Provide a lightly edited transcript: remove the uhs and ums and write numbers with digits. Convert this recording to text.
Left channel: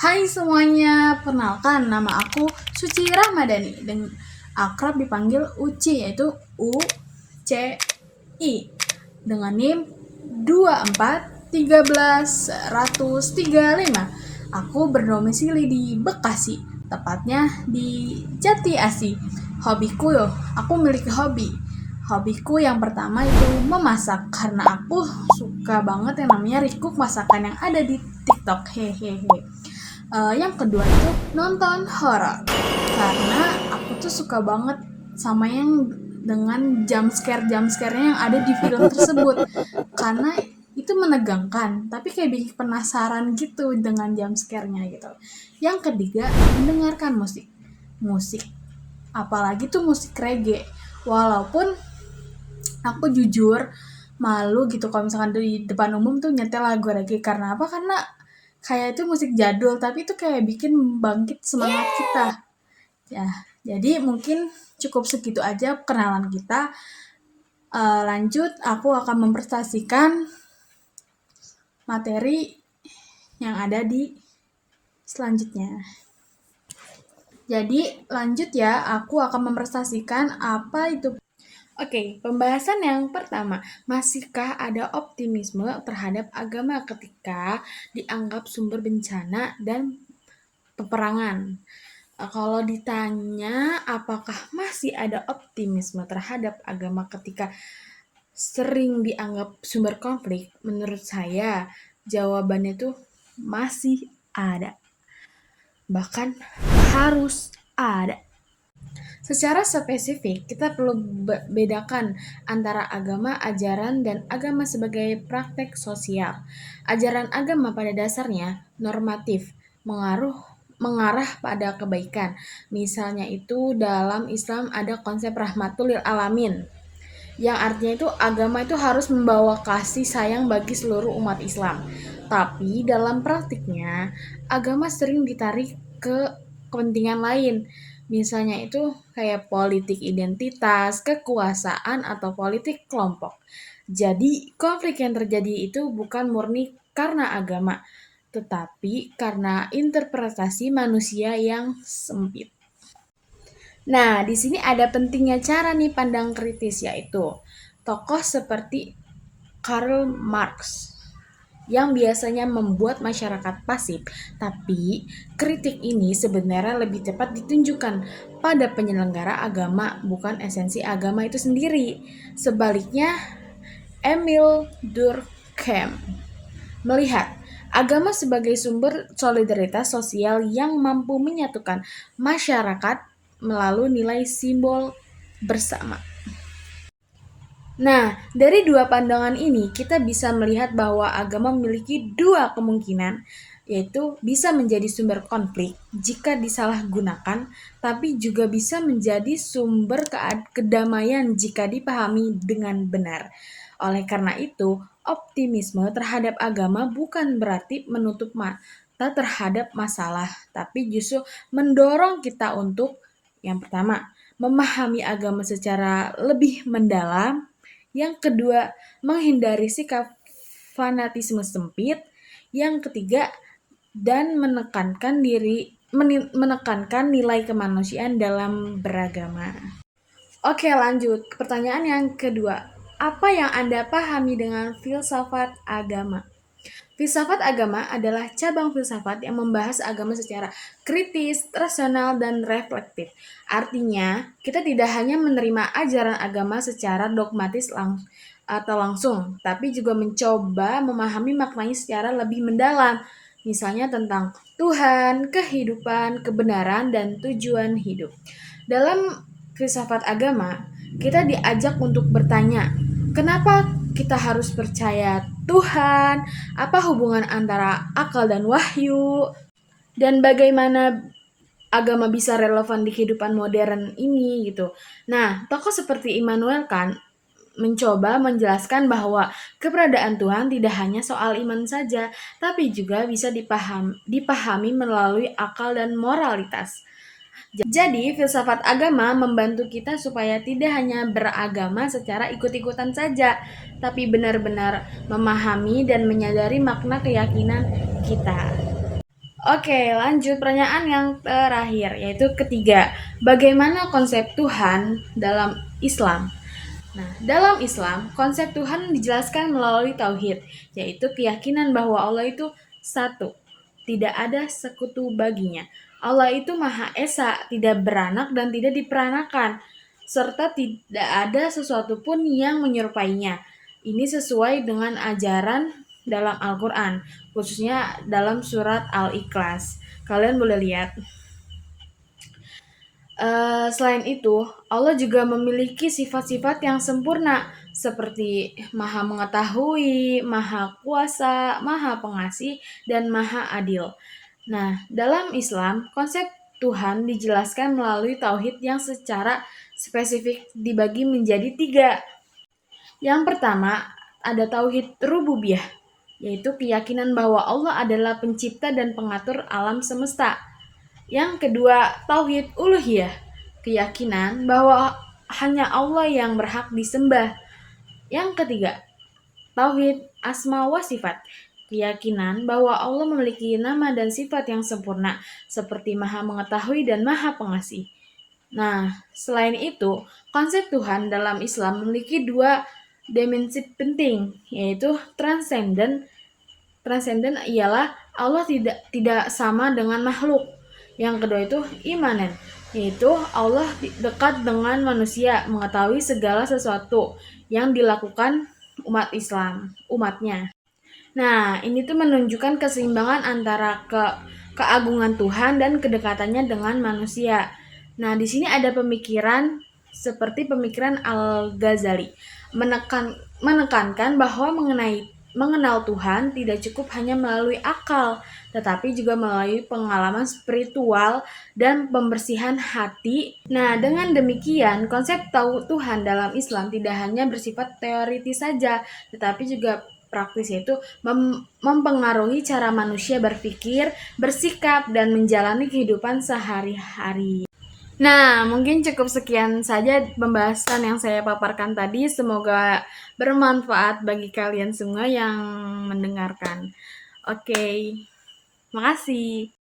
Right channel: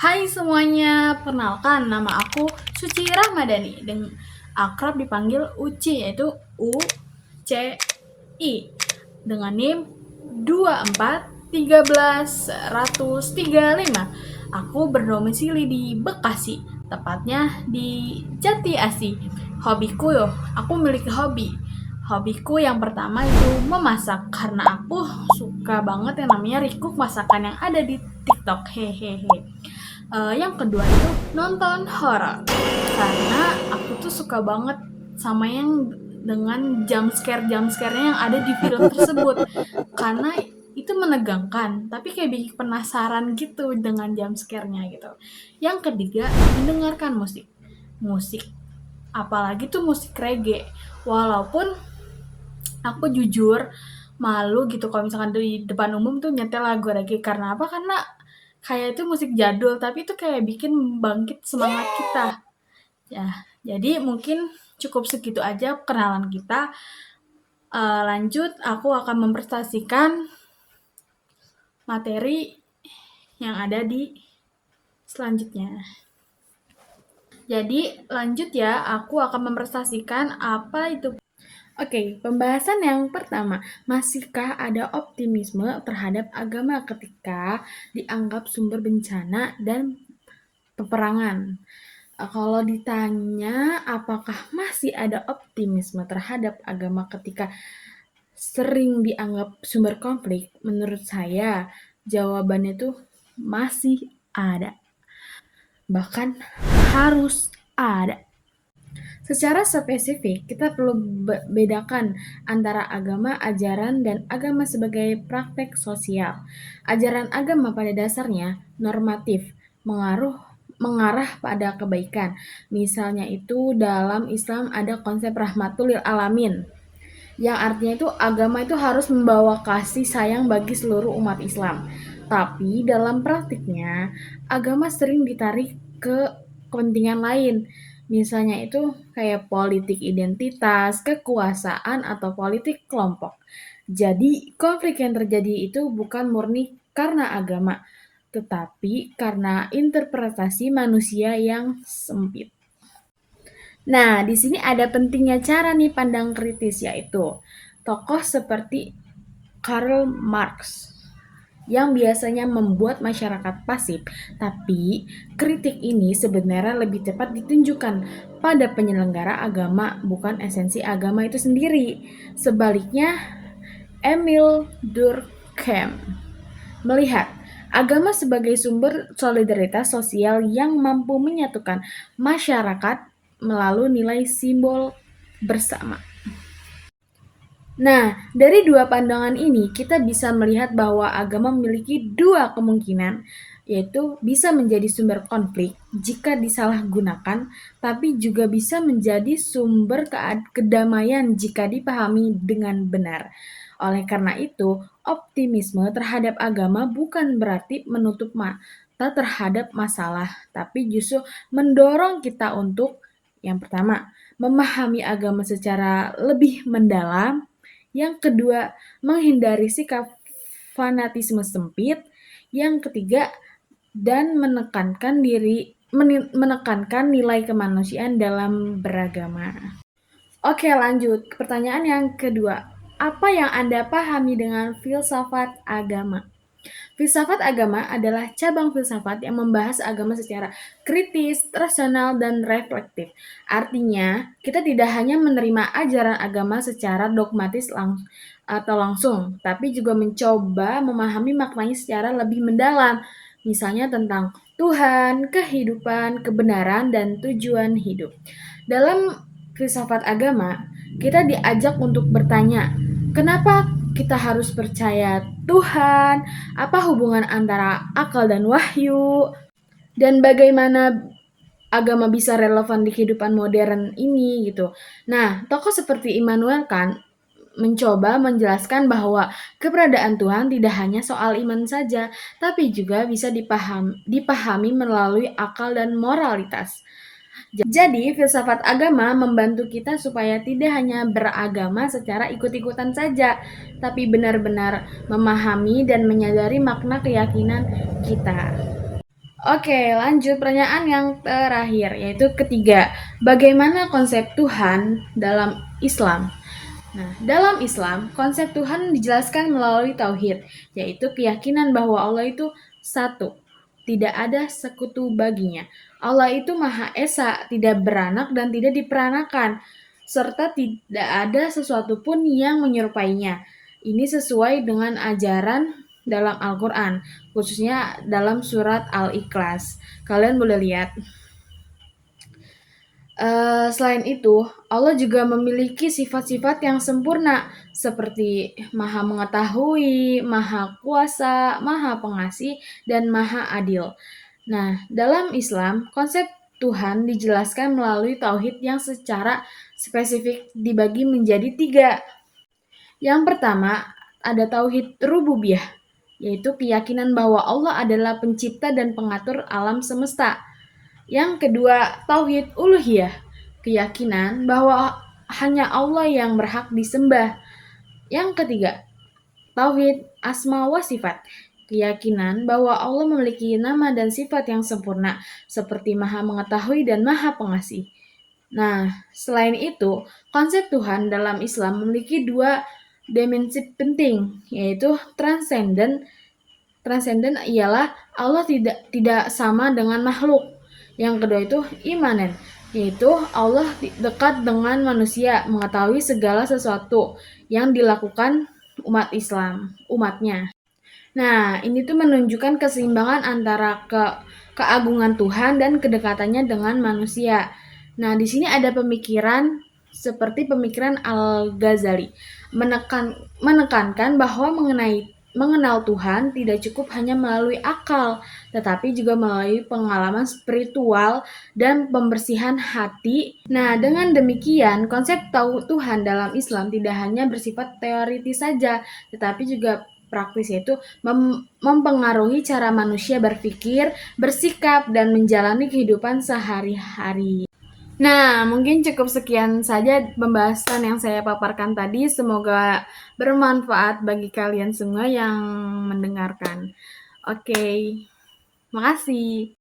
Hai semuanya, perkenalkan nama aku Suci Rahmadani dan akrab dipanggil Uci, yaitu UCI dengan NIM 24 13 135. Aku berdomisili di Bekasi, tepatnya di Jati Asih. Hobiku yo, aku memiliki hobi. Hobiku yang pertama itu memasak karena aku suka banget yang namanya recook masakan yang ada di TikTok. Hehehe. Yang kedua itu nonton horor karena aku tuh suka banget sama yang dengan jump scare-nya yang ada di film tersebut, karena itu menegangkan tapi kayak bikin penasaran gitu dengan jump scare-nya gitu. Yang ketiga, mendengarkan musik musik apalagi tuh musik reggae. Walaupun aku jujur malu gitu kalau misalkan di depan umum tuh nyetel lagu reggae. Karena apa? Karena kayak itu musik jadul tapi itu kayak bikin bangkit semangat kita ya. Jadi mungkin cukup segitu aja kenalan kita. Lanjut, aku akan mempresentasikan materi yang ada di selanjutnya. Jadi lanjut ya, aku akan mempresentasikan apa itu. Oke, pembahasan yang pertama, masihkah ada optimisme terhadap agama ketika dianggap sumber bencana dan peperangan? Kalau ditanya apakah masih ada optimisme terhadap agama ketika sering dianggap sumber konflik, menurut saya jawabannya tuh masih ada. Bahkan harus ada. Secara spesifik, kita perlu bedakan antara agama ajaran dan agama sebagai praktek sosial. Ajaran agama pada dasarnya normatif, mengarah pada kebaikan. Misalnya itu dalam Islam ada konsep rahmatul lil alamin, yang artinya itu agama itu harus membawa kasih sayang bagi seluruh umat Islam. Tapi dalam praktiknya, agama sering ditarik ke kepentingan lain. Misalnya itu kayak politik identitas, kekuasaan, atau politik kelompok. Jadi konflik yang terjadi itu bukan murni karena agama, tetapi karena interpretasi manusia yang sempit. Nah, di sini ada pentingnya cara nih pandang kritis, yaitu tokoh seperti Karl Marx yang biasanya membuat masyarakat pasif, tapi kritik ini sebenarnya lebih tepat ditunjukkan pada penyelenggara agama, bukan esensi agama itu sendiri. Sebaliknya, Emil Durkheim melihat agama sebagai sumber solidaritas sosial yang mampu menyatukan masyarakat melalui nilai simbol bersama. Nah, dari dua pandangan ini kita bisa melihat bahwa agama memiliki dua kemungkinan, yaitu bisa menjadi sumber konflik jika disalahgunakan, tapi juga bisa menjadi sumber kedamaian jika dipahami dengan benar. Oleh karena itu, optimisme terhadap agama bukan berarti menutup mata terhadap masalah, tapi justru mendorong kita untuk yang pertama, memahami agama secara lebih mendalam. Yang kedua, menghindari sikap fanatisme sempit. Yang ketiga, dan menekankan nilai kemanusiaan dalam beragama. Oke, lanjut. Pertanyaan yang kedua. Apa yang Anda pahami dengan filsafat agama? Filsafat agama adalah cabang filsafat yang membahas agama secara kritis, rasional, dan reflektif. Artinya, kita tidak hanya menerima ajaran agama secara dogmatis atau langsung, tapi juga mencoba memahami maknanya secara lebih mendalam. Misalnya tentang Tuhan, kehidupan, kebenaran, dan tujuan hidup. Dalam filsafat agama, kita diajak untuk bertanya, kenapa kita harus percaya Tuhan? Apa hubungan antara akal dan wahyu? Dan bagaimana agama bisa relevan di kehidupan modern ini gitu. Nah, tokoh seperti Immanuel Kant mencoba menjelaskan bahwa keberadaan Tuhan tidak hanya soal iman saja, tapi juga bisa dipahami melalui akal dan moralitas. Jadi, filsafat agama membantu kita supaya tidak hanya beragama secara ikut-ikutan saja, tapi benar-benar memahami dan menyadari makna keyakinan kita. Oke, lanjut pertanyaan yang terakhir, yaitu ketiga. Bagaimana konsep Tuhan dalam Islam? Nah, dalam Islam, konsep Tuhan dijelaskan melalui tauhid, yaitu keyakinan bahwa Allah itu satu, tidak ada sekutu baginya. Allah itu Maha Esa, tidak beranak dan tidak diperanakan, serta tidak ada sesuatu pun yang menyerupainya. Ini sesuai dengan ajaran dalam Al-Quran, khususnya dalam surat Al-Ikhlas. Kalian boleh lihat. Selain itu, Allah juga memiliki sifat-sifat yang sempurna, seperti Maha Mengetahui, Maha Kuasa, Maha Pengasih, dan Maha Adil. Nah, dalam Islam, konsep Tuhan dijelaskan melalui tauhid yang secara spesifik dibagi menjadi tiga. Yang pertama, ada tauhid rububiyah, yaitu keyakinan bahwa Allah adalah pencipta dan pengatur alam semesta. Yang kedua, tauhid uluhiyah, keyakinan bahwa hanya Allah yang berhak disembah. Yang ketiga, tauhid asma wa sifat, keyakinan bahwa Allah memiliki nama dan sifat yang sempurna, seperti Maha Mengetahui dan Maha Pengasih. Nah, selain itu, konsep Tuhan dalam Islam memiliki dua dimensi penting, yaitu transenden. Transenden ialah Allah tidak sama dengan makhluk. Yang kedua itu imanen, yaitu Allah dekat dengan manusia, mengetahui segala sesuatu yang dilakukan umatnya. Nah, ini tuh menunjukkan keseimbangan antara keagungan Tuhan dan kedekatannya dengan manusia. Nah, di sini ada pemikiran seperti pemikiran Al-Ghazali, menekankan bahwa mengenal Tuhan tidak cukup hanya melalui akal, tetapi juga melalui pengalaman spiritual dan pembersihan hati. Nah, dengan demikian, konsep tahu Tuhan dalam Islam tidak hanya bersifat teoritis saja, tetapi juga praktis, yaitu mempengaruhi cara manusia berpikir, bersikap, dan menjalani kehidupan sehari-hari. Nah, mungkin cukup sekian saja pembahasan yang saya paparkan tadi. Semoga bermanfaat bagi kalian semua yang mendengarkan. Oke, makasih.